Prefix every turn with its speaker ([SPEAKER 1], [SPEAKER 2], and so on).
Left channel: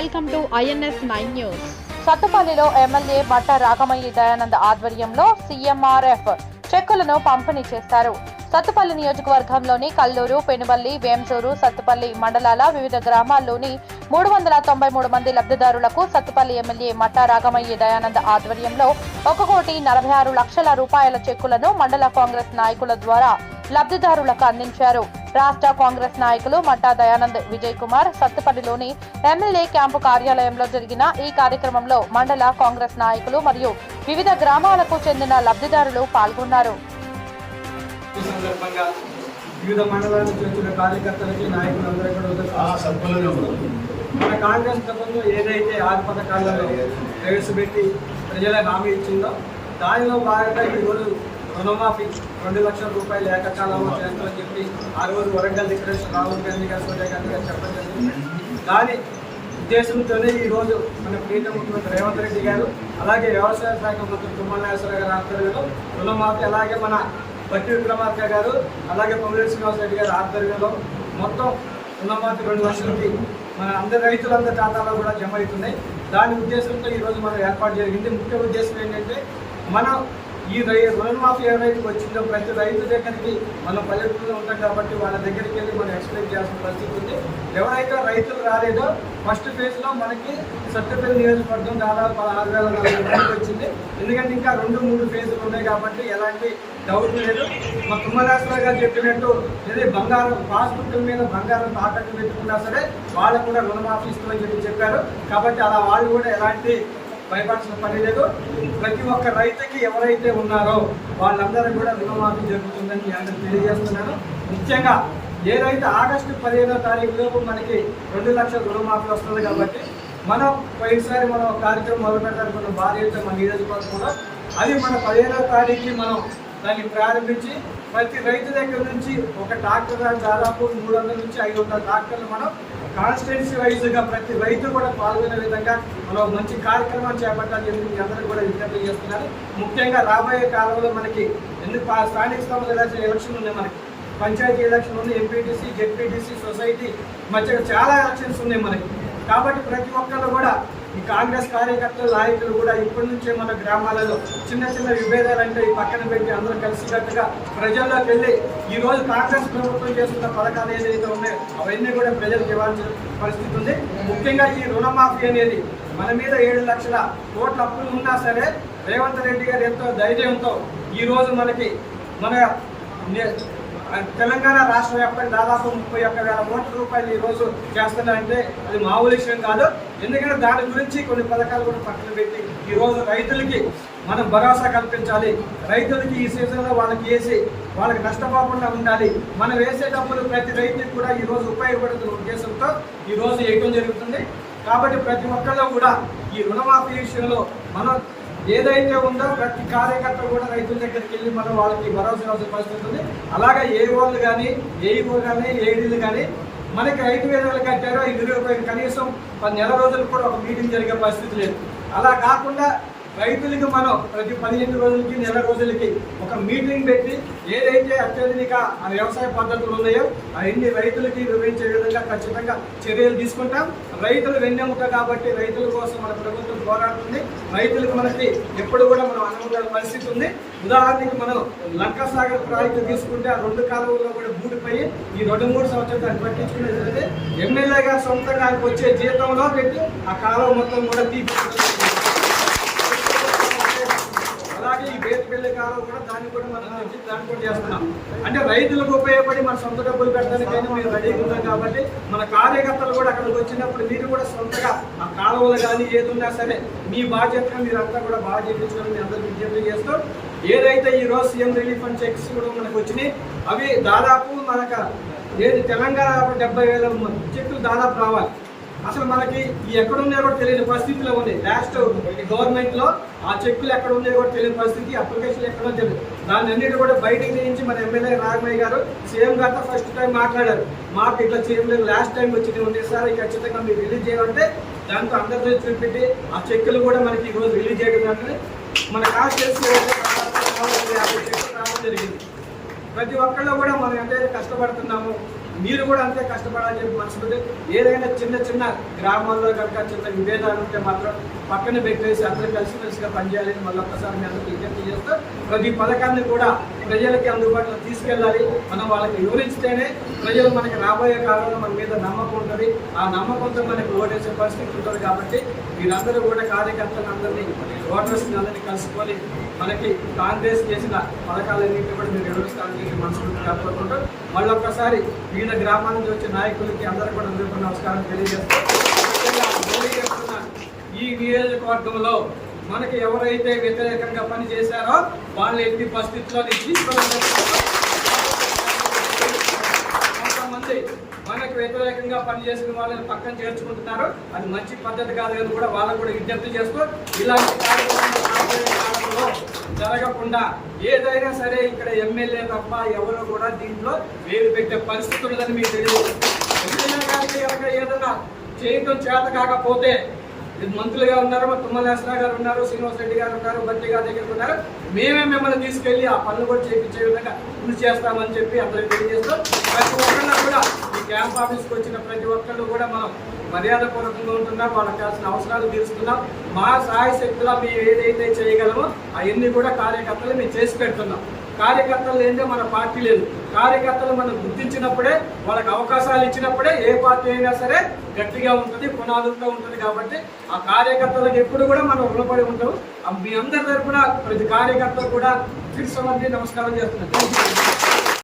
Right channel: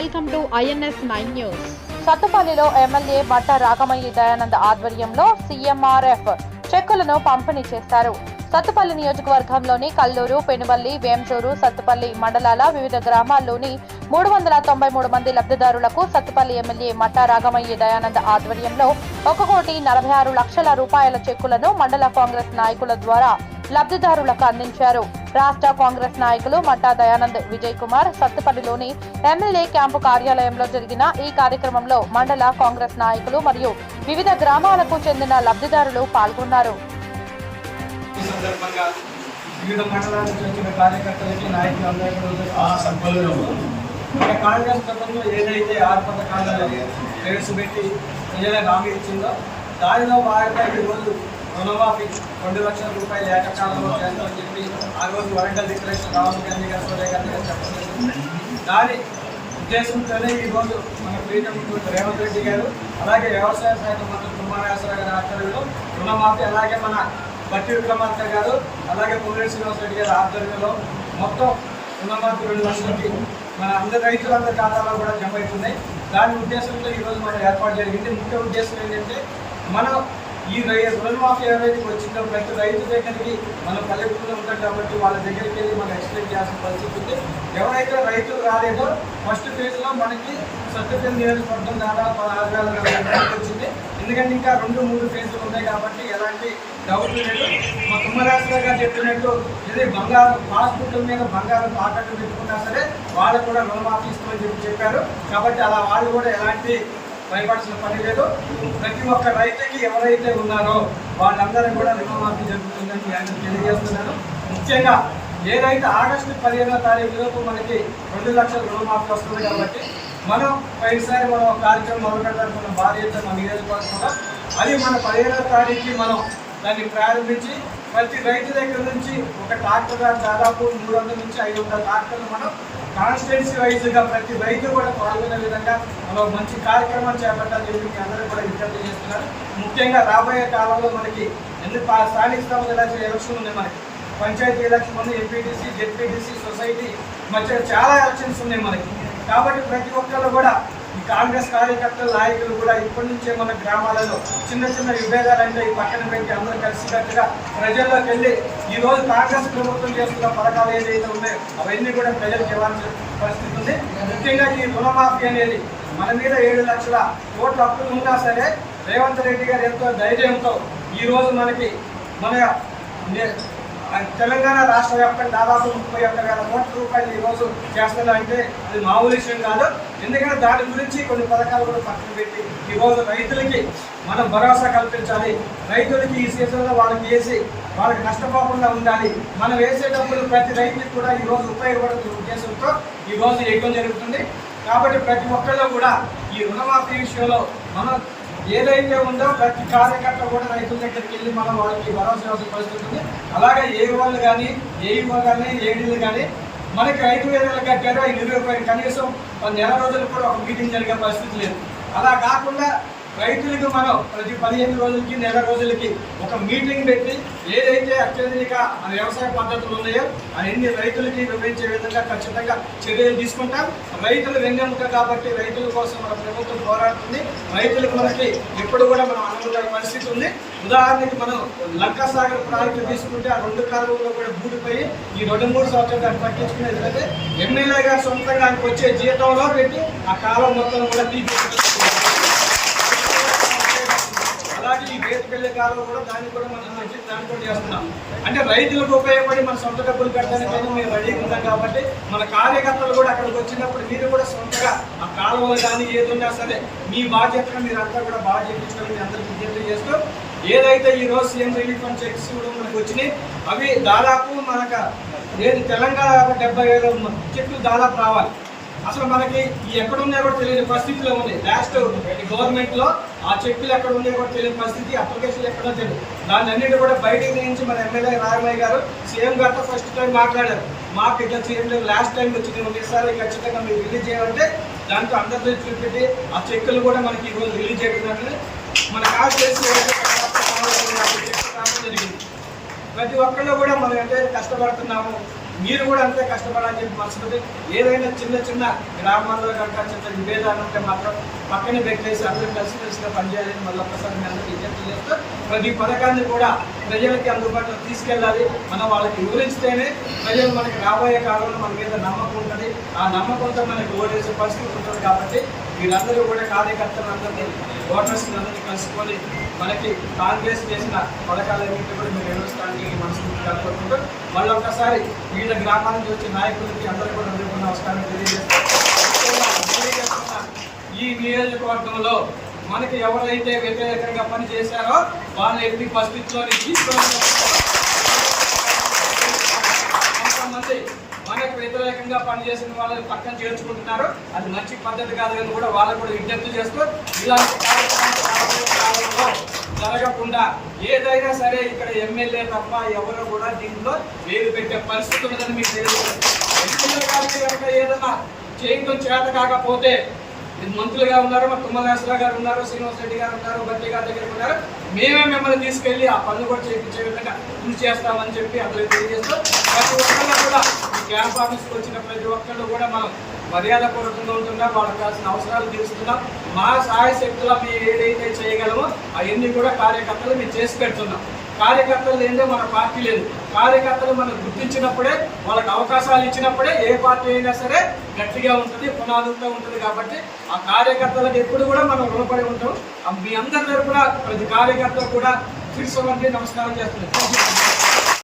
[SPEAKER 1] Welcome to INS nine news.
[SPEAKER 2] సత్తుపల్లిలో MLA బట్ట రాగమయ్యి దయానంద్ ఆధ్వర్యంలో CMRF చెక్కులను పంపిణీ చేస్తారు సత్తుపల్లి నియోజకవర్గంలోని కల్లూరు పెనుబల్లి వేంసూరు సత్తుపల్లి మండలాల వివిధ గ్రామాల్లోని మూడు వందల తొంభై మూడు మంది లబ్ధిదారులకు సత్తుపల్లి ఎమ్మెల్యే మట్టా రాగమయ్యి దయానంద్ ఆధ్వర్యంలో ఒక కోటి నలభై ఆరు లక్షల రూపాయల చెక్కులను మండల కాంగ్రెస్ నాయకుల ద్వారా లబ్ధిదారులకు అందించారు. రాష్ట్ర కాంగ్రెస్ నాయకులు మట్టా దయానంద్ విజయ్ కుమార్ సత్తుపల్లిలోని ఎమ్మెల్యే క్యాంపు కార్యాలయంలో జరిగిన ఈ కార్యక్రమంలో మండల కాంగ్రెస్ నాయకులు మరియు వివిధ గ్రామాలకు చెందిన లబ్ధిదారులు పాల్గొన్నారు.
[SPEAKER 3] ఈ సందర్భంగా వివిధ మండలాల నుంచి వచ్చిన కార్యకర్తలకి మన కాంగ్రెస్ ప్రభుత్వం ఏదైతే ఆరు పథకాలను ప్రవేశపెట్టి ప్రజలకు హామీ ఇచ్చిందో దానిలో భాగంగా ఈరోజు రుణమాఫీ రెండు లక్షల రూపాయలు ఏకకాలంలో చేస్తామని చెప్పి ఆ రోజు వరంగల్ డిక్లరేషన్ రాహుల్ గాంధీ గారు సోనియా గాంధీ గారు చెప్పడం జరిగింది. దాని ఉద్దేశంతోనే ఈరోజు మన ప్రీత ముఖ్యమంత్రి రేవంత్ రెడ్డి గారు అలాగే వ్యవసాయ శాఖ మంత్రి కుమారవేశ్వర గారి ఆధ్వర్యంలో రుణమాఫీ అలాగే మన బట్టి విక్రమార్క గారు అలాగే పొంగులేటి శ్రీనివాస రెడ్డి గారి ఆధ్వర్యంలో మొత్తం రుణమాఫీ రెండు లక్షలకి మన అందరి రైతులందరి ఖాతాలో కూడా జమ అవుతున్నాయి. దాని ఉద్దేశంతో ఈరోజు మనం ఏర్పాటు జరిగింది. ముఖ్య ఉద్దేశం ఏంటంటే మన ఈ రై రుణమాఫీ ఎవరైతే వచ్చిందో ప్రతి రైతు దగ్గరికి మనం పల్లెటూరులో ఉంటాం కాబట్టి వాళ్ళ దగ్గరికి వెళ్ళి మనం ఎక్స్ప్లెయిన్ చేయాల్సిన పరిస్థితి ఉంది. ఎవరైతే రైతులు రాలేదో ఫస్ట్ ఫేజ్లో మనకి సత్యపల్లి నియోజకవర్గం దాదాపు పదహారు వేల నలభై వచ్చింది. ఎందుకంటే ఇంకా రెండు మూడు ఫేజులు ఉన్నాయి కాబట్టి ఎలాంటి డౌట్ లేదు. మా తుమ్మరాశ్రావు గారు చెప్పినట్టు ఇది బంగారం పాస్బుక్ల మీద బంగారం తాకట్టు పెట్టుకున్నా సరే వాళ్ళకు కూడా రుణమాఫీ ఇస్తామని చెప్పి చెప్పారు. కాబట్టి అలా వాళ్ళు కూడా ఎలాంటి భయపడాల్సిన పని లేదు. ప్రతి ఒక్క రైతుకి ఎవరైతే ఉన్నారో వాళ్ళందరూ కూడా రుణమాఫీ జరుగుతుందని ఆయన తెలియజేస్తున్నాను ముఖ్యంగా ఏదైతే ఆగస్టు పదిహేనో తారీఖు లోపు మనకి రెండు లక్షల రుణమాఫీ వస్తుంది కాబట్టి మనం పోయినసారి మనం కార్యక్రమం మొదలుపెట్టారు మన భార్యతో మన నియోజకవర్గంలో. అది మన పదిహేనో తారీఖుకి మనం దాన్ని ప్రారంభించి ప్రతి రైతు దగ్గర నుంచి ఒక ట్రాక్టర్ దాదాపు మూడు వందల నుంచి ఐదు వందల ట్రాక్టర్లు మనం కాన్స్టిట్యున్సీ వైజ్గా ప్రతి రైతు కూడా పాల్గొనే విధంగా మనం మంచి కార్యక్రమం చేపట్టాలని చెప్పి మీ అందరూ కూడా విజ్ఞప్తి చేస్తున్నారు. ముఖ్యంగా రాబోయే కాలంలో మనకి ఎందుకు స్థానిక సంస్థల ఎలక్షన్ ఉన్నాయి మనకి. పంచాయతీ ఎలక్షన్ ఉంది ఎంపీటీసీ జెడ్పీటీసీ సొసైటీ మధ్య చాలా ఎలక్షన్స్ ఉన్నాయి మనకి. కాబట్టి ప్రతి ఒక్కరు కూడా ఈ కాంగ్రెస్ కార్యకర్తలు నాయకులు కూడా ఇప్పటి నుంచే మన గ్రామాలలో చిన్న చిన్న విభేదాలు అంటే ఈ పక్కన పెట్టి అందరూ కలిసికట్టుగా ప్రజల్లోకి వెళ్ళి ఈ రోజు కాంగ్రెస్ ప్రభుత్వం చేస్తున్న పథకాలు ఏదైతే ఉన్నాయో అవన్నీ కూడా ప్రజలకు ఇవ్వాల్సిన పరిస్థితి ఉంది. ముఖ్యంగా ఈ రుణమాఫీ అనేది మన మీద ఏడు లక్షల కోట్ల అప్పులు ఉన్నా సరే రేవంత్ రెడ్డి గారు ఎంతో ధైర్యంతో ఈరోజు మనకి మన తెలంగాణ రాష్ట్ర వ్యాప్తంగా దాదాపు ముప్పై ఒక్క వేల కోట్ల రూపాయలు ఈ రోజు చేస్తున్నారంటే అది మామూలు విషయం కాదు. ఎందుకంటే దాని గురించి కొన్ని పథకాలు కూడా పక్కన పెట్టి ఈరోజు రైతులకి మనం భరోసా కల్పించాలి. రైతులకి ఈ సీజన్లో వాళ్ళకి వేసి వాళ్ళకి నష్టపోకుండా ఉండాలి. మనం వేసే డబ్బులు ప్రతి రైతుకి కూడా ఈరోజు ఉపయోగపడుతున్న ఉద్దేశంతో ఈ రోజు వేయడం జరుగుతుంది. కాబట్టి ప్రతి ఒక్కళ్ళు కూడా ఈ రుణమాఫీ విషయంలో మనం ఏదైతే ఉందో ప్రతి కార్యకర్త కూడా రైతుల దగ్గరికి వెళ్ళి మనం వాళ్ళకి భరోసా ఇవ్వాల్సిన పరిస్థితి అలాగే ఏ వాళ్ళు కానీ ఏఈఓ కానీ ఏడీలు కానీ మనకి రైతు వేదాలు కట్టారు ఐదు రూపాయలు కనీసం పది నెల రోజులు కూడా ఒక మీటింగ్ జరిగే పరిస్థితి లేదు. అలా కాకుండా రైతులకు మనం ప్రతి పదిహేను రోజులకి నెల రోజులకి ఒక మీటింగ్ పెట్టి ఏదైతే అత్యధిక వ్యవసాయ పద్ధతులు ఉన్నాయో అవన్నీ రైతులకి వివరించే విధంగా ఖచ్చితంగా చర్యలు తీసుకుంటాం. రైతులు వెన్నెముక కాబట్టి రైతుల కోసం మన ప్రభుత్వం పోరాడుతుంది. రైతులకు మనకి ఎప్పుడు కూడా మనం అనుకున్న పరిస్థితి ఉంది. ఉదాహరణకి మనం లంకా సాగర్ ప్రాజెక్టు తీసుకుంటే ఆ రెండు కాలువల్లో కూడా బూడిపోయి ఈ రెండు మూడు సంవత్సరాలు దాన్ని పట్టించుకునేది అయితే ఎమ్మెల్యే గారు సొంతంగా ఆయనకు వచ్చే జీతంలో పెట్టి ఆ కాలువ మొత్తం కూడా తీపి అలాగే కాలం కాలువ కూడా దాన్ని కూడా మనం తెచ్చి దాన్ని కూడా చేస్తున్నాం. అంటే రైతులకు ఉపయోగపడి మన సొంత డబ్బులు పెట్టడానికైనా మేము రెడీగా ఉన్నాం కాబట్టి మన కార్యకర్తలు కూడా అక్కడికి వచ్చినప్పుడు మీరు కూడా సొంతగా ఆ కాలువలు కానీ ఏది ఉన్నా సరే మీ బాధ్యతగా మీరు అంతా కూడా బాగా చేయించుకోవాలని మీ అందరికీ విజ్ఞప్తి చేస్తూ ఏదైతే ఈ రోజు సీఎం రిలీఫ్ ఫండ్ చెక్స్ కూడా మనకు వచ్చినాయి అవి దాదాపు మనకు ఏది తెలంగాణ డెబ్బై వేల చెట్లు దాదాపు రావాలి. అసలు మనకి ఈ ఎక్కడ ఉన్నాయో కూడా తెలియని పరిస్థితిలో ఉంది. లాస్ట్ గవర్నమెంట్లో ఆ చెక్కులు ఎక్కడ ఉన్నాయో కూడా తెలియని పరిస్థితి అప్లికేషన్ ఎక్కడో తెలియదు. దాన్ని అన్నిటి కూడా బయటికి తీయించి మన ఎమ్మెల్యే రాఘమయ్య గారు సీఎం గారితో ఫస్ట్ టైం మాట్లాడారు. మాకు ఇట్లా చేయలేదు లాస్ట్ టైం వచ్చింది. ఉంది సార్ ఖచ్చితంగా మీరు రిలీజ్ చేయమంటే దాంతో అందరితో చూపెట్టి ఆ చెక్కులు కూడా మనకి ఈ రోజు రిలీజ్ చేయడం మన కాస్ట్ చేసి జరిగింది. ప్రతి ఒక్కళ్ళు కూడా మనం అంటే కష్టపడుతున్నాము. మీరు కూడా అంతే కష్టపడాలని చెప్పి మనసుకుంది ఏదైనా చిన్న చిన్న గ్రామాల్లో కనుక చిన్న విభేదాలు ఉంటే మాత్రం పక్కన పెట్టేసి అందరూ కలిసిమెలిసిగా పనిచేయాలని మళ్ళీ ఒక్కసారి మీ అందరికీ విజ్ఞప్తి చేస్తూ ప్రతి పథకాన్ని కూడా ప్రజలకి అందుబాటులో తీసుకెళ్ళాలి. మనం వాళ్ళకి వివరిస్తేనే ప్రజలు మనకి రాబోయే కాలంలో మన మీద నమ్మకం ఉంటుంది. ఆ నమ్మకంతో మనకి ఓటేసే పరిస్థితి ఉంటుంది కాబట్టి వీళ్ళందరూ కూడా కార్యకర్తలందరినీ ఓటర్స్ని అందరినీ కలుసుకొని మనకి కాంగ్రెస్ చేసిన పథకాలన్నింటినీ కూడా మీరు వివరిస్తానికి మనసుకుంటూ కలుపుకుంటూ మళ్ళీ ఒక్కసారి వివిధ గ్రామాల నుంచి వచ్చే నాయకులకి అందరూ కూడా అందరికీ నమస్కారం తెలియజేస్తూ ఈ నియోజకవర్గంలో మనకి ఎవరైతే వ్యతిరేకంగా పనిచేశారో వాళ్ళు ఎట్టి పరిస్థితుల్లో తీసుకోవాలని కొంతమంది మనకు వ్యతిరేకంగా పనిచేసిన వాళ్ళని పక్కన చేర్చుకుంటున్నారు. అది మంచి పద్ధతి కాదు అని కూడా వాళ్ళకు కూడా విజ్ఞప్తి చేస్తూ ఇలాంటి కార్యక్రమాలు కాలంలో జరగకుండా ఏదైనా సరే ఇక్కడ ఎమ్మెల్యే తప్ప ఎవరు కూడా దీంట్లో వేలు పెట్టే పరిస్థితి ఉన్నదని మీకు తెలియదు. ఎమ్మెల్యే గారికి ఏదైనా చేయడం చేత కాకపోతే మంత్రులుగా ఉన్నారు మా తుమ్మలేశ్వర గారు ఉన్నారు శ్రీనివాస్ రెడ్డి గారు ఉన్నారు బట్టి గారి దగ్గర ఉన్నారు. మేమే మిమ్మల్ని తీసుకెళ్ళి ఆ పనులు కూడా చేయించే విధంగా కృషి చేస్తామని చెప్పి అందరికి తెలియజేస్తూ ప్రతి ఒక్కరిని కూడా ఈ క్యాంప్ ఆఫీస్కి వచ్చిన ప్రతి ఒక్కళ్ళు కూడా మనం మర్యాద పూర్వకంగా ఉంటున్నాం వాళ్ళకి కావాల్సిన అవసరాలు తీరుస్తున్నాం. మా సహాయ శక్తిలో మేము ఏదైతే చేయగలమో అవన్నీ కూడా కార్యకర్తలు మేము చేసి పెడుతున్నాం. కార్యకర్తలు లేదే మన పార్టీ లేదు. కార్యకర్తలు మనం గుర్తించినప్పుడే వాళ్ళకి అవకాశాలు ఇచ్చినప్పుడే ఏ పార్టీ అయినా సరే గట్టిగా ఉంటుంది పునాదులతో ఉంటుంది కాబట్టి ఆ కార్యకర్తలకు ఎప్పుడు కూడా మనం రుణపడి ఉంటాం. మీ అందరి తరపున ప్రతి కార్యకర్త కూడా శిరస్సు నమస్కారం చేస్తున్నాం.